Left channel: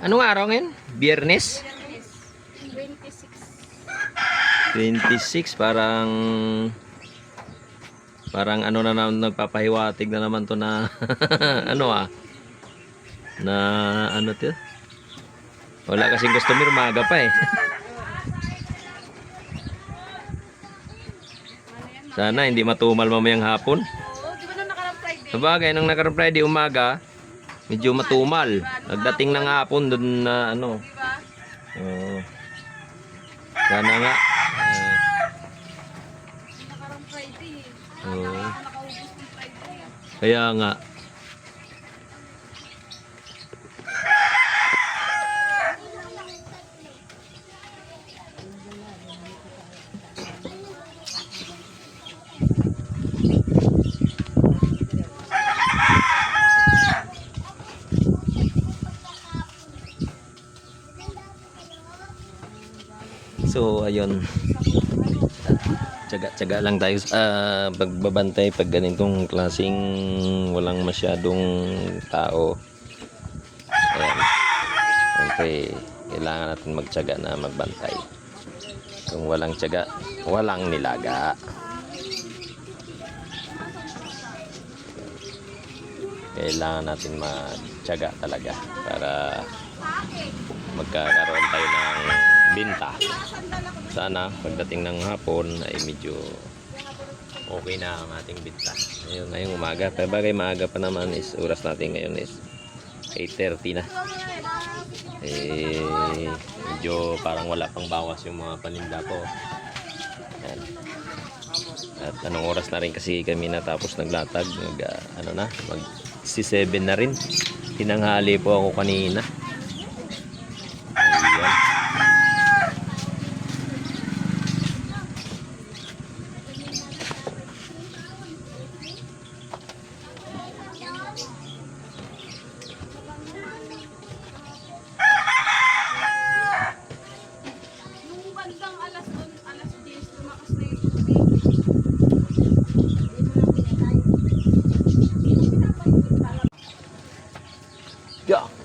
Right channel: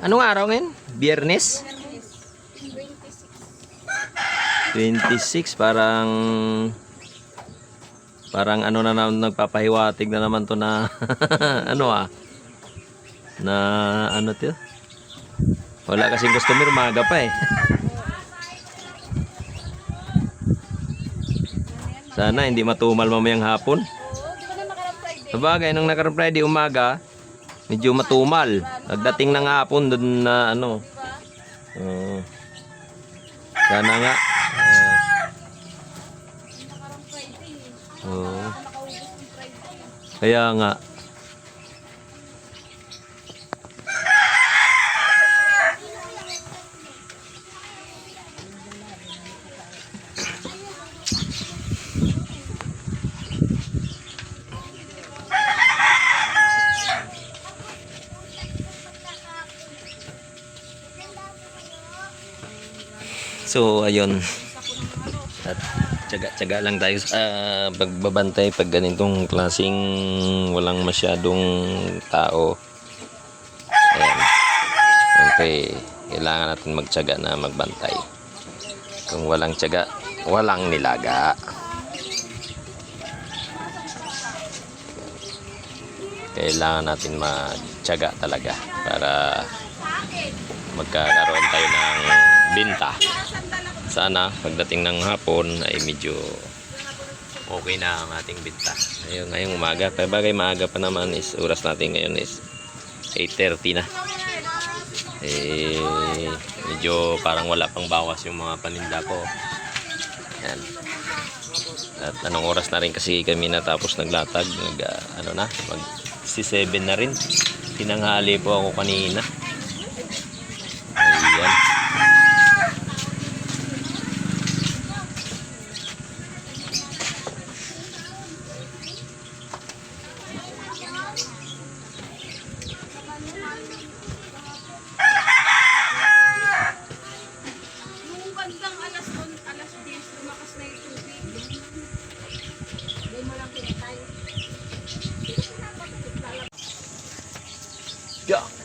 Anong araw ngayon? Biyernes? 26, parang ano na naman, nagpapahiwatig na naman to na ano na ano to, wala kasing customer, umaga pa eh. Sana hindi matumal mamayang hapon. Sabagay, nung nakarang Friday umaga medyo matumal, nagdating ng hapon doon na ano, sana nga. Kaya nga. So ayun, tsaga-tsaga lang tayo sa pagbabantay pag ganitong klaseng walang masyadong tao. Ayan, siyempre kailangan natin magtsaga na magbantay. Kung walang tsaga, walang nilaga. Kailangan natin magtsaga talaga para magkakaroon tayo ng binta. Sana pagdating ng hapon ay medyo okay na ang ating binta. Ngayong umaga, bagay maaga pa naman, is oras natin ngayon is 8:30 na. Medyo parang wala pang bawas yung mga paninda ko. Yan. At anong oras na rin kasi kami natapos naglatag, mag 7 na rin. Tinanghali po ako kanina. Ayan.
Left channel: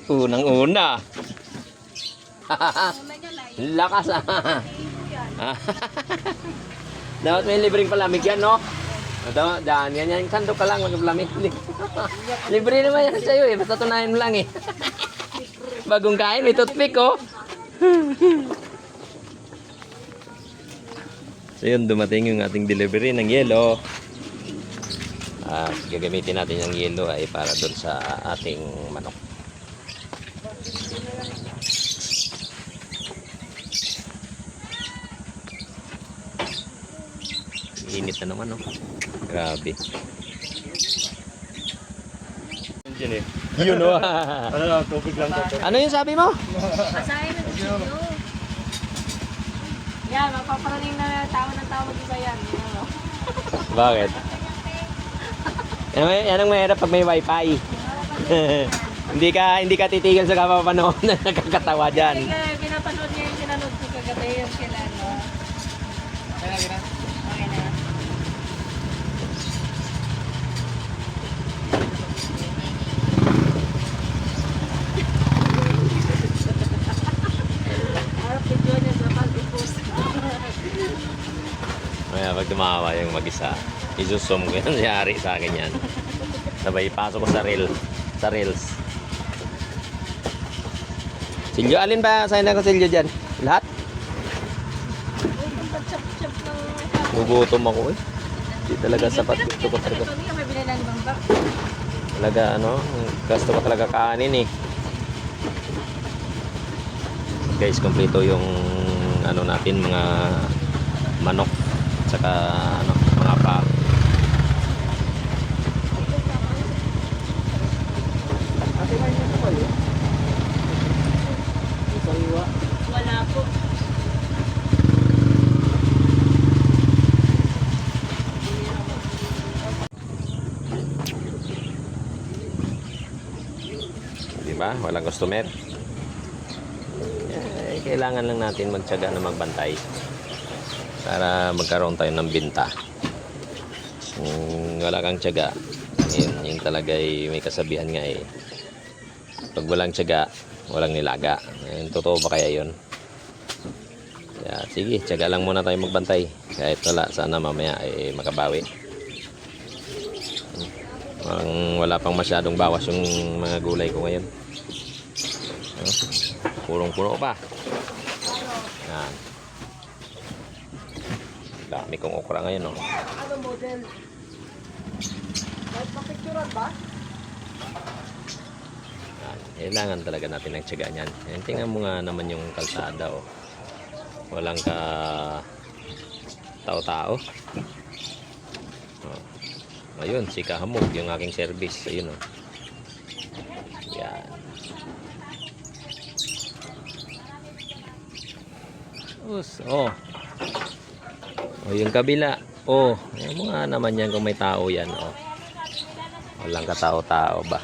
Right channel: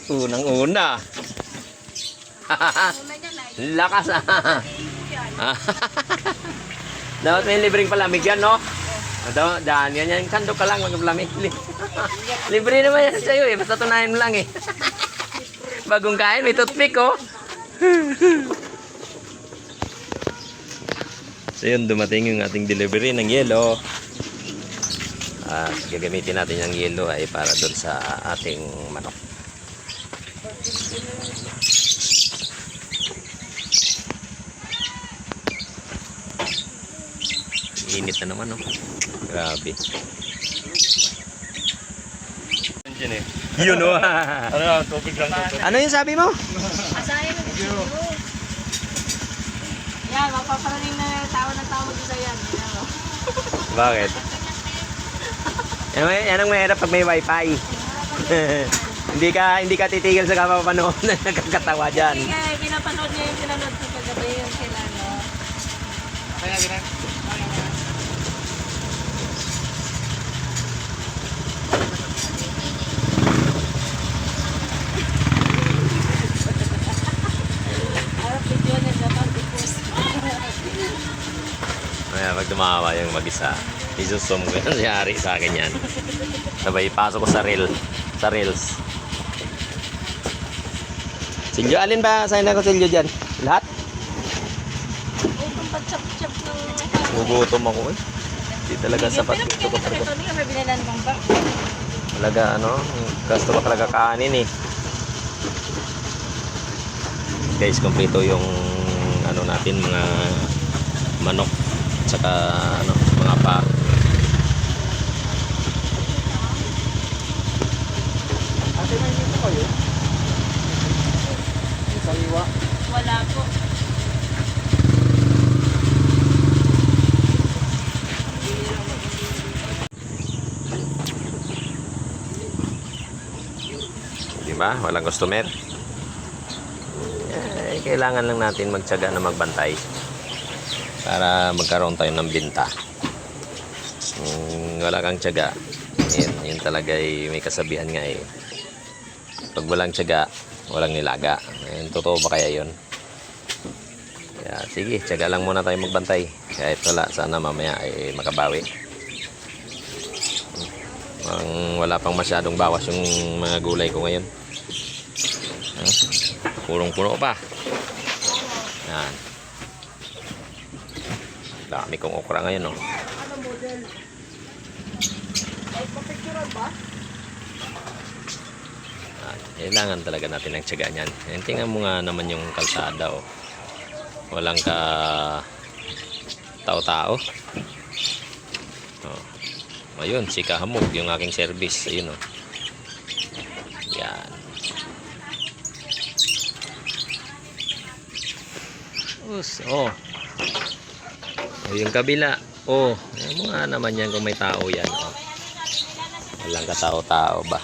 Unang-una. Lakas Dapat may libreng palamig yan, no? Daan yan, kando ka lang magpalamig. Libre naman yan sa'yo eh, basta tunayan mo lang eh. Bagong kain, may toothpick oh. So yun, dumating yung ating delivery ng yelo. Gagamitin natin yung yelo ay para doon sa ating manok. Init na naman, no? Grabe. Diyan eh. Yun, no? Tubig lang to. Ano yung sabi mo? Asahin mo dito. Yan, magpaparating na tao dito yan. Yan mo. Bakit? Yan ang mahirap pag may wifi. Hindi ka titigil sa kapapanood na nakakatawa dyan. Kaya pinapanood niya yung pinanood ko paggabi yun sila, no? Kaya gina. Okay na. Araw video niya dapat i-post. Pag tumawa yung mag-isa, isusum ko yan, siyari sa akin yan. Sabay, pasok ko sa reels. Silyo, alin ba? Sa'yo na ko silyo dyan? Lahat? Itong pag-chop-chop ng... Gugutom ako eh. Hindi talaga sapat. Gusto ko talaga. Ito niya, may binalan bang ba? Talaga gusto ko talaga kanin eh. Guys, kompleto yung natin, mga manok, tsaka mga pa. Wala po. Diba? Walang customer. Kailangan lang natin magtiyaga na magbantay para magkaroon tayo ng binta. Wala kang tiyaga, yun talaga may kasabihan nga eh. Pag walang tiyaga, walang nilaga. Totoo ba kaya yun? Kaya sige, tiyaga lang muna tayo magbantay. Kahit wala, sana mamaya ay makabawi. Wala pang masyadong bawas yung mga gulay ko ngayon. Purong-puno pa. Yan. Dami kong okra ngayon, oh. Ano model? Papicturean ba? Yan. Kailangan talaga natin ng tiyaga niyan. Yan, tingnan mo nga naman yung kalsada, oh. Walang ka tao-tao. Oh. Ayun, si Kahamog, yung aking service. Ayun, oh. Yan. Oh. Oh, yung kabila. Oh, ayan mo nga naman yan kung may tao yan, oh. Walang katao-tao ba?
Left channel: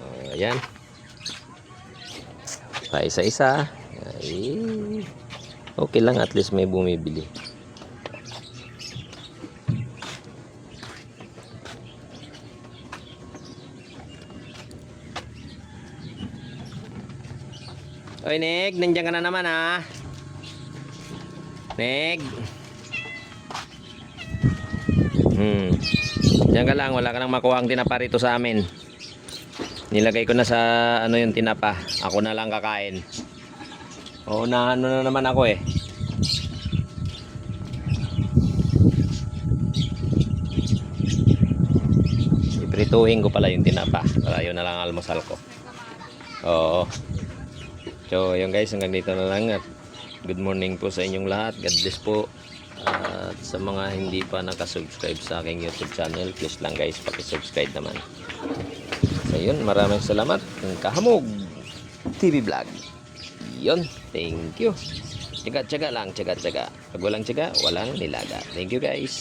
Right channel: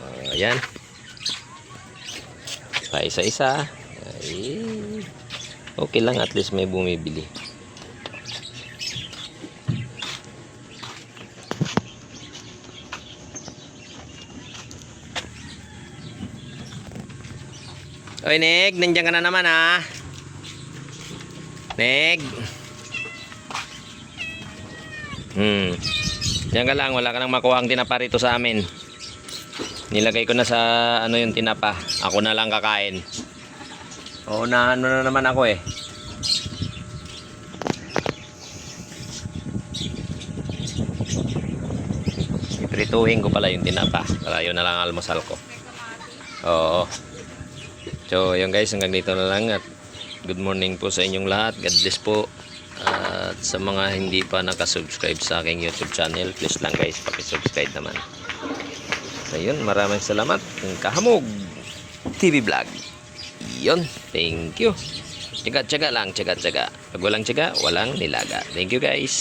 Oh, ayan. Pa isa-isa. Ay, okay lang, at least may bumibili. Oy, Neg, nandiyan ka na naman, ha? Neg. Diyan ka lang, wala ka nang makuha ang tinapa rito sa amin. Nilagay ko na sa ano yung tinapa. Ako na lang kakain. Oo, na ano na naman ako, eh. Iprituhin ko pala yung tinapa para yun na lang ang almusal ko. Oo. So, yun guys, hanggang dito na lang at good morning po sa inyong lahat. God bless po. At sa mga hindi pa nakasubscribe sa aking YouTube channel, please lang guys, pakisubscribe naman. So, yun, maraming salamat. Kahamog TV Vlog. Yun, thank you. Tiyaga-tiyaga lang, tiyaga-tiyaga. Pag walang tiyaga, walang nilaga. Thank you guys.